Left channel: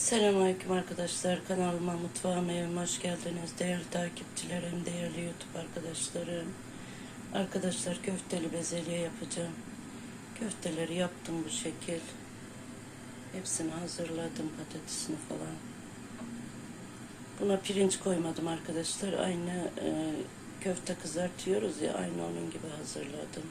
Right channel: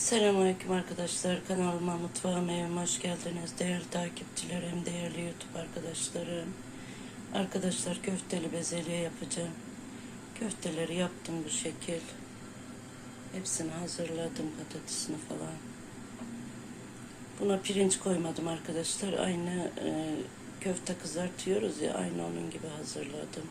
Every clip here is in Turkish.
Selamünaleyküm arkadaşlar. Kanalıma, mutfağıma, evime hoş geldiniz. Değerli takipçilerim, değerli YouTube arkadaşlarım. Arkadaşlar köfteli bezelye yapacağım. Köfteleri yaptım bu şekil. Hepsini hazırladım patatesini falan. Buna pirinç koymadım arkadaşlar. Aynı e, köfte kızartıyoruz ya aynı onun gibi hazırladım.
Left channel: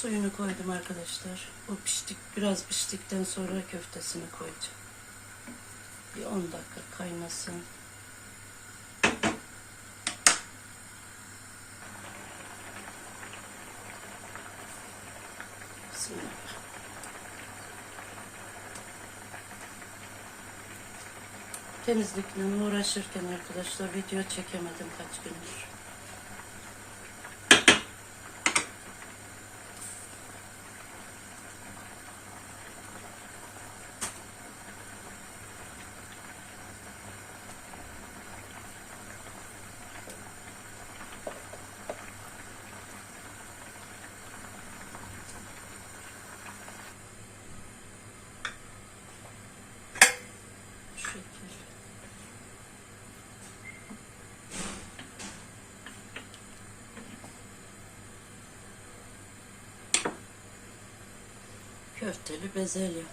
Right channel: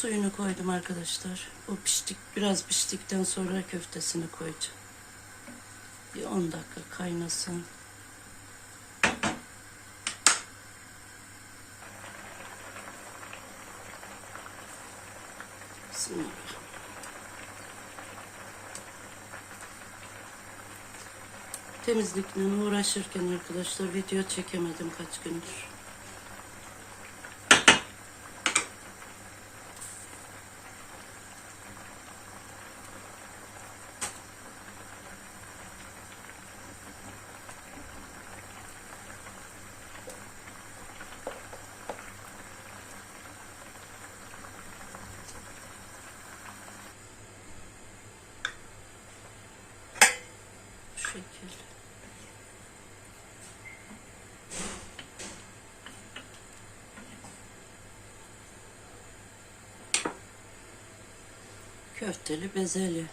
Suyunu koydum arkadaşlar. O piştik, biraz piştikten sonra köftesini koyacağım. Bir 10 dakika kaynasın. Bismillah. Temizlikle uğraşırken arkadaşlar video çekemedim kaç gündür. Şu şekil. Köfteli bezelye.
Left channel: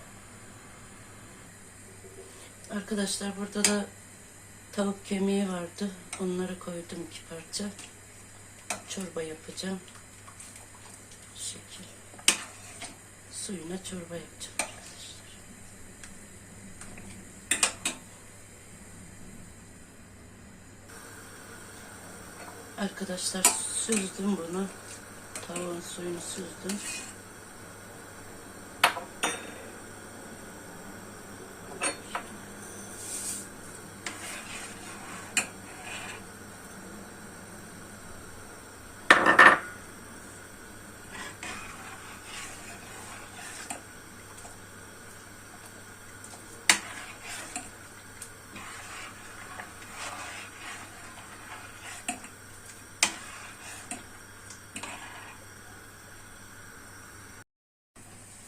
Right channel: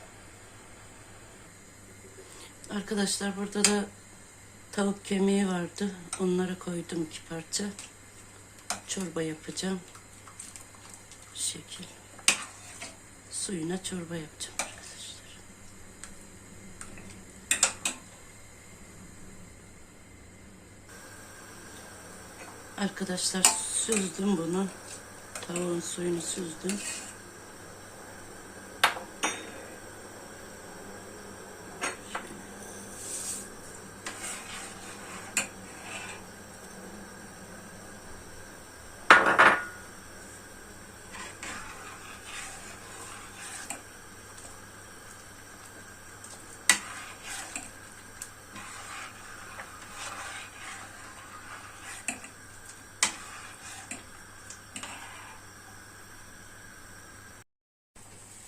Arkadaşlar burada da tavuk kemiği vardı. Onları koydum iki parça. Çorba yapacağım. Şu şekil. Suyuna çorba yapacağım arkadaşlar. Arkadaşlar süzdüm bunu. Tavuğun suyunu süzdüm.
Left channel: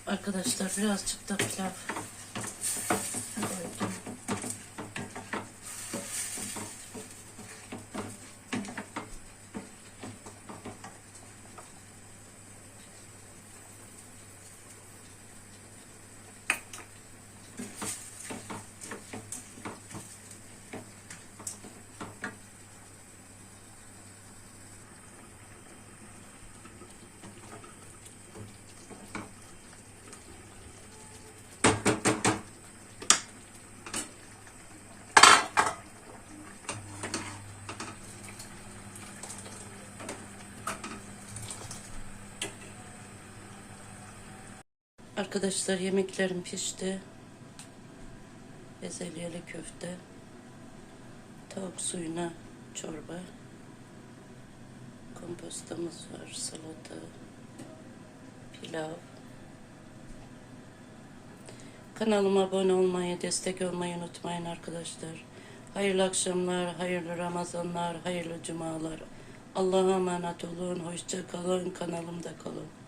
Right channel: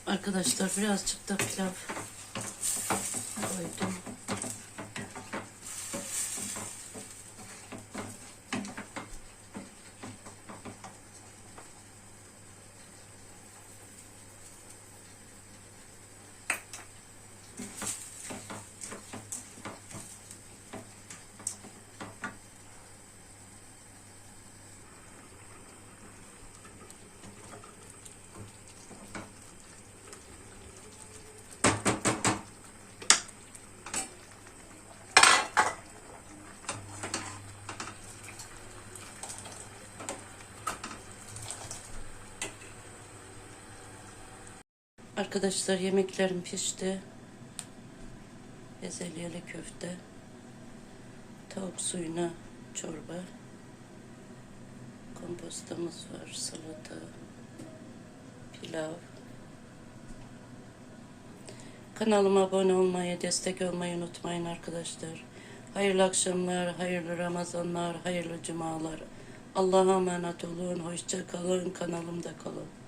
Arkadaşlar birazcık da pilav koydum. Arkadaşlar yemeklerim pişti. Bezelyeli köfte. Tavuk suyuna çorba. Kompostomuz var, salata, pilav. Kanalıma abone olmayı, destek olmayı unutmayın arkadaşlar. Hayırlı akşamlar, hayırlı Ramazanlar, hayırlı cumalar. Allah'a emanet olun, hoşça kalın, kanalımda kalın.